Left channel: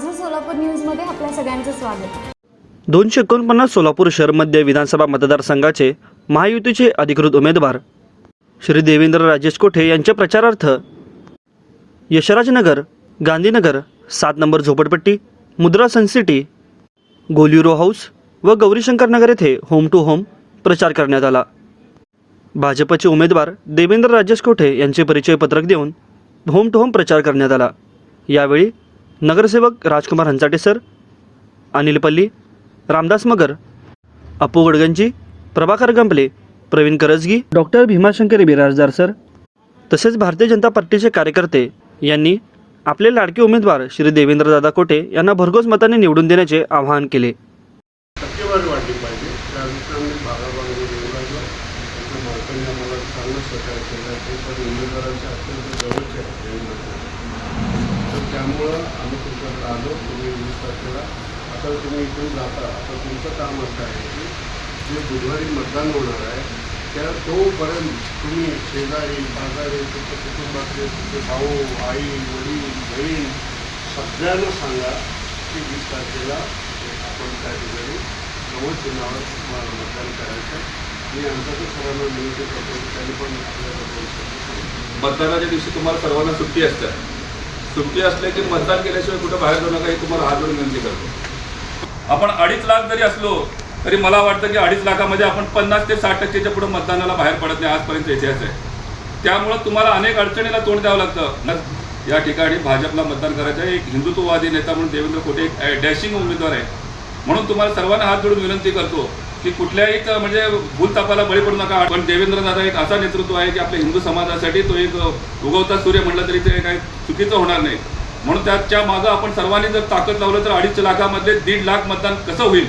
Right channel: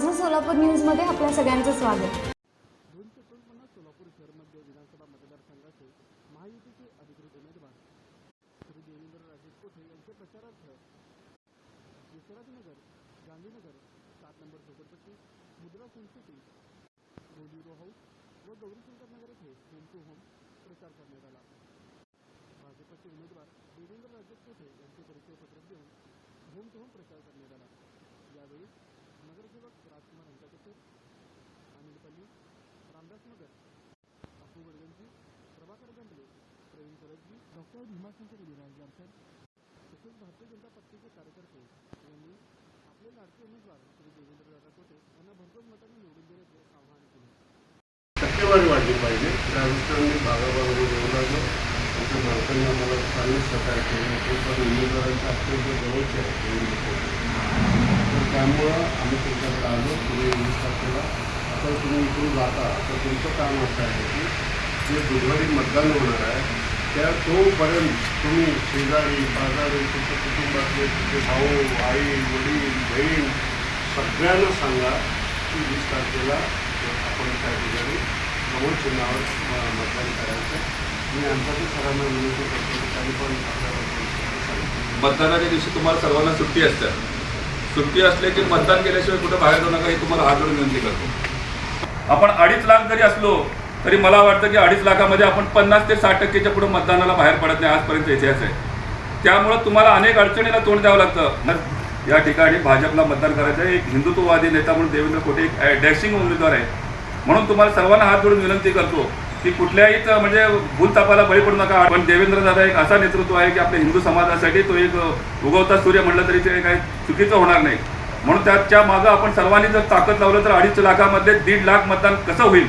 सोलापूर न्यूजमध्ये आपल्या सगळ्यांचं स्वागत. दोनशे एकोणपन्नास सोलापूर शहर मध्य विधानसभा मतदारसंघाचे महायुतीचे अधिकृत उमेदवार श्री देवेंद्र राजेश कोठे यांच्या प्रचारार्थ यशराजनगर गांधीनगर सात नंबर झोपडपट्टी मुद्रा सनसिटी गोल्युरो हाऊस व गौरीशंकरनगर येथे होम टू होम प्रचार करण्यात आला. भाजपचे उमेदवार देवेंद्र राजेश कोठे यांचे परिचय पत्रक देऊन होम टू होम प्रचार करण्यात आला. यावेळी नगरसेवक राजकुमार Hanchate sir Anil Palli Ramdas Magar Apu Gadganji Prabhakar Gampale Praveen Karajgi doctor Bhimashankar Birajdar sir. तसेच भारतीय जनता पार्टीचे कार्यकर्ते यांनी आपले लाडके उमेदवार श्री देवेंद्रदादा कोटे यांना भरघोस मताने निवडून देण्याचे आवाहन केले. टक्केवारी वाढली पाहिजे. त्यानुसार येऊ लागलो आमच्या मालकांनी आम्हाला चांगलं सहकार्य केलं. ते पण उमेदवारांच्या अत्यंत जवळचे आहे. देवेंद्र त्यामुळं आम्ही तुमच्याकडे आलो तुम्ही विश्वास केला आता तुम्ही इकडून जाता आता तुमचं काम असं आहे की जे बुधवारी मतदान होणार आहे त्या तोपर्यंत तुम्ही शेजारी बाजारी तुमच्या कुटुंबातले तुमचे भाऊ आई वडील बहीण सगळ्यांना सांगा की वीस तारखेला आपण त्या ठिकाणी प्रमोद चिन्हावर मतदान करायचं आहे. मी आमच्याकडे सरांना विनंती करतो त्यांनी पण आपल्याला मतदानाच्या दिवशी तुम्हाला सर्वांना सुट्टी असते सुट्टी असले की मतदान केल्याशिवाय कुठं बाहेर जाऊ नका हे तुम्हाला हात जोडून विनंती करतो. आपण अडीच लाख जरी असलो तरी मला वाटतं की अडीच लाखामध्ये आपण पन्नास ते साठ टक्केच्या पुढे मतदानाला बाहेर पडत नाही आजपर्यंत इतिहास आहे. त्यामुळं तुम्हाला अनेक अडचणीला तोंड द्यावं लागतं. या ठिकाणी भाजपला मतदान करायचं आहे. एक हिंदुत्ववादी नेता म्हणून देवेंद्र कोटे एक डॅशिंग उमेदवार आहे. म्हणून तुम्हाला सर्वांना हात जोडून विनंती करतो की कुठल्याही म्हणजे भूलतापाला बळी पडू नका. पण देवेंद्र दादा एक असा नेतृत्व आहे की आपल्या हिंदू समाजासाठी तो एक उगवता सूर्य म्हटलं तरी ते काही चुकीचं होणार नाही. म्हणून त्याच्या मागं आपण सर्वांनी जर ताकद लावलं तर अडीच लाखामधले दीड लाख मतदान कसं होईल?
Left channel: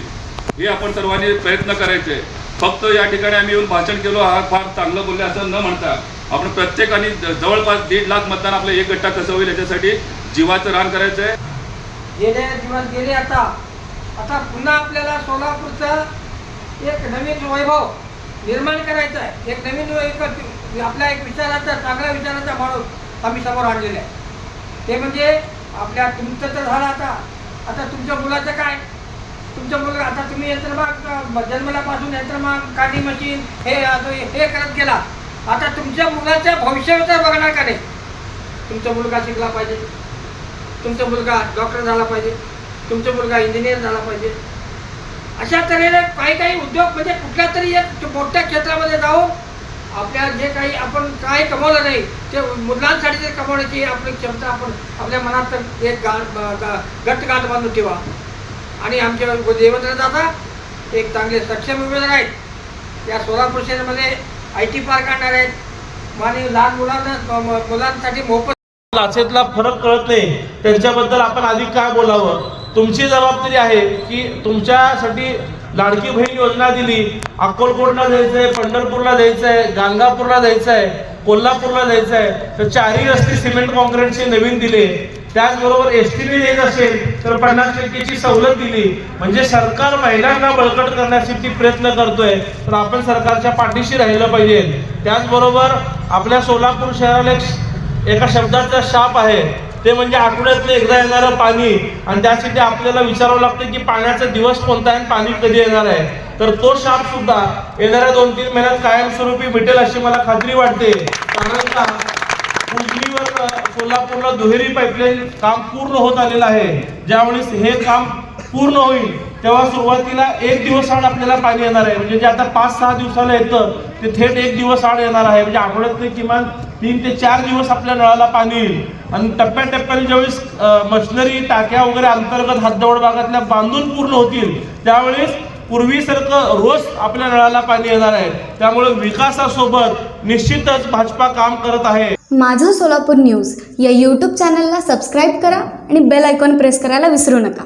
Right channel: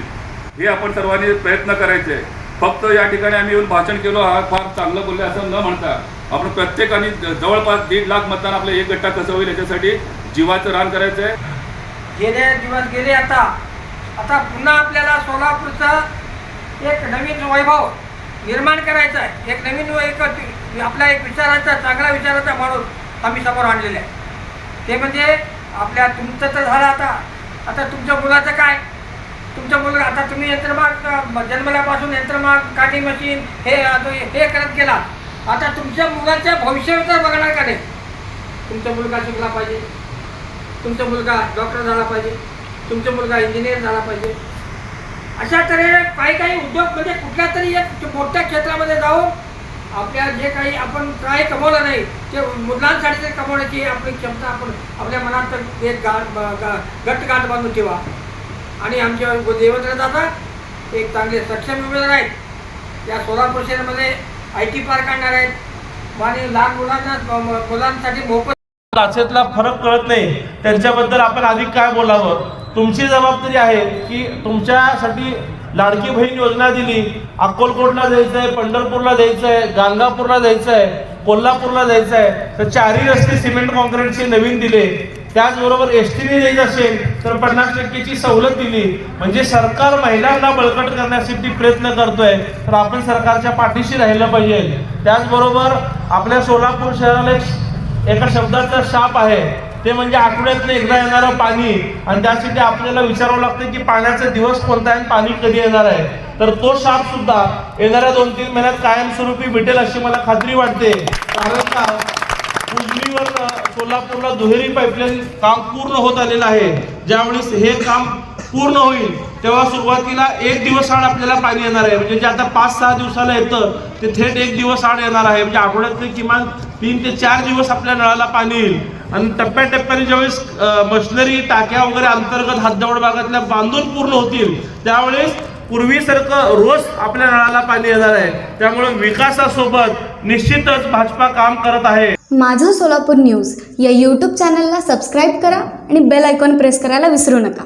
हे आपण सर्वांनी प्रयत्न करायचे. फक्त या ठिकाणी आम्ही येऊन भाषण केलो हा फार चांगलं बोलले असं न म्हणता आपण प्रत्येकाने जवळपास दीड लाख मतदान आपलं एक गट्टा कसं होईल याच्यासाठी जीवाचं रान करायचं आहे गेले दिवस गेले आता. आता पुन्हा आपल्याला सोलापूरचं एक नवीन वैभव निर्माण करायचं आहे. एक नवीन एक आपला एक विचाराचा चांगला विचाराचा माणूस आम्ही समोर आणलेला आहे. ते म्हणजे आपल्या तुमचं तर झालं आता. आता तुमच्या मुलाचं काय? तुमच्या मुलगा आता तुम्ही यंत्रमाग जन्मल्यापासून यंत्रमाग काढी मशीन हे हे करत गेला आता तुमच्या मुलाच्या भविष्याचं बघणार का नाही? तुमचा मुलगा शिकला पाहिजे. तुमचा मुलगा डॉक्टर झाला पाहिजे. तुमचा मुलगा इंजिनियर झाला पाहिजे. अशा तऱ्हेने काही काही उद्योग म्हणजे कुठल्या तरी एक मोठ्या क्षेत्रामध्ये जाऊन आपल्या जे काही आपण काही कमवलं नाही ते मुलांसाठी ते कमवण्याची आपली क्षमता आपण आपल्या मनात तर एक गाठ गा- गट गाठ बांधून ठेवा. आणि आमचे देवेंद्र दादा एक चांगले सक्षम उमेदवार आहेत. या सोलापूर शहरमध्ये आय टी पार्क आणणार आहेत. आणि लहान मुलांना मुलांसाठी मोफत लाचेतला फरक कळत नाही. त्यांच्याबद्दल आपण अधिक काय बोलावं? तुमची जबाबदारी आहे की तुमच्यासाठी लाडकी बहीण योजना दिली अक्कलकोटला जायचं आहे पंढरपूरला जायचं आहे गाणगापूरला जायचं आहे कोल्हापूरला जायचं आहे तर चारही रस्ते सिमेंट कॉन्क्रीटचे नवीन दिले. त्याचबरोबर एस टीने द्यायचं असेल तर पन्नास टक्केची सवलत दिली. म्हणजे सरकार महिलांना बळकट करण्यासाठी प्रयत्न करतोय तर आपण सरकारच्या पाठीशी राहिलं पाहिजे. त्याचबरोबर आपल्या सोलापूर शहराला एक एका शब्दाचा शाप आहे ते म्हणजे आठवड्यातलं एकदा येणारं पाणी. आणि त्यासाठी आपल्याला विचारावं लागतं की पाण्याचा दिवस कोणता आहे आणि पाणी कधी येणार आहे. तर तो शाप सुद्धा येणाऱ्या दोन तीन महिन्यात कायमस्वरूपी भेटेल अशी मला खात्री वाटते. कारण का? उजनीवर सोलापूरला दुहेरी पाईपलाईन काम पूर्ण होत आलेलं आहे. ज्यावेळेस हे काम पूर्ण होईल. तेव्हा सुरुवातीला एक दिवस आड आपल्याला पाणी येणार आहे. म्हणजे जे आता पाच सहा दिवसाला येतं ते थेट एक दिवस आड येणार आहे. म्हणजे आठवड्यातले किमान तीन ते चार दिवस आपल्या नळाला पाणी येईल. आणि टप्प्याटप्प्याने ज्यावेळेस मशिनरी टाक्या वगैरे अंतर्गत हद्दवड भागातल्या बांधून पूर्ण होतील त्यावेळेस पूर्वीसारखं रोज आपल्या नळाला पाणी येणार आहे. त्यामुळे विकासासोबत निश्चितच भाजपा काम करत आहे. माझं सोलापूर न्यूज या यूट्यूब चॅनलला सबस्क्राईब करा आणि बेल आयकॉन प्रेस करायला विसरू नका.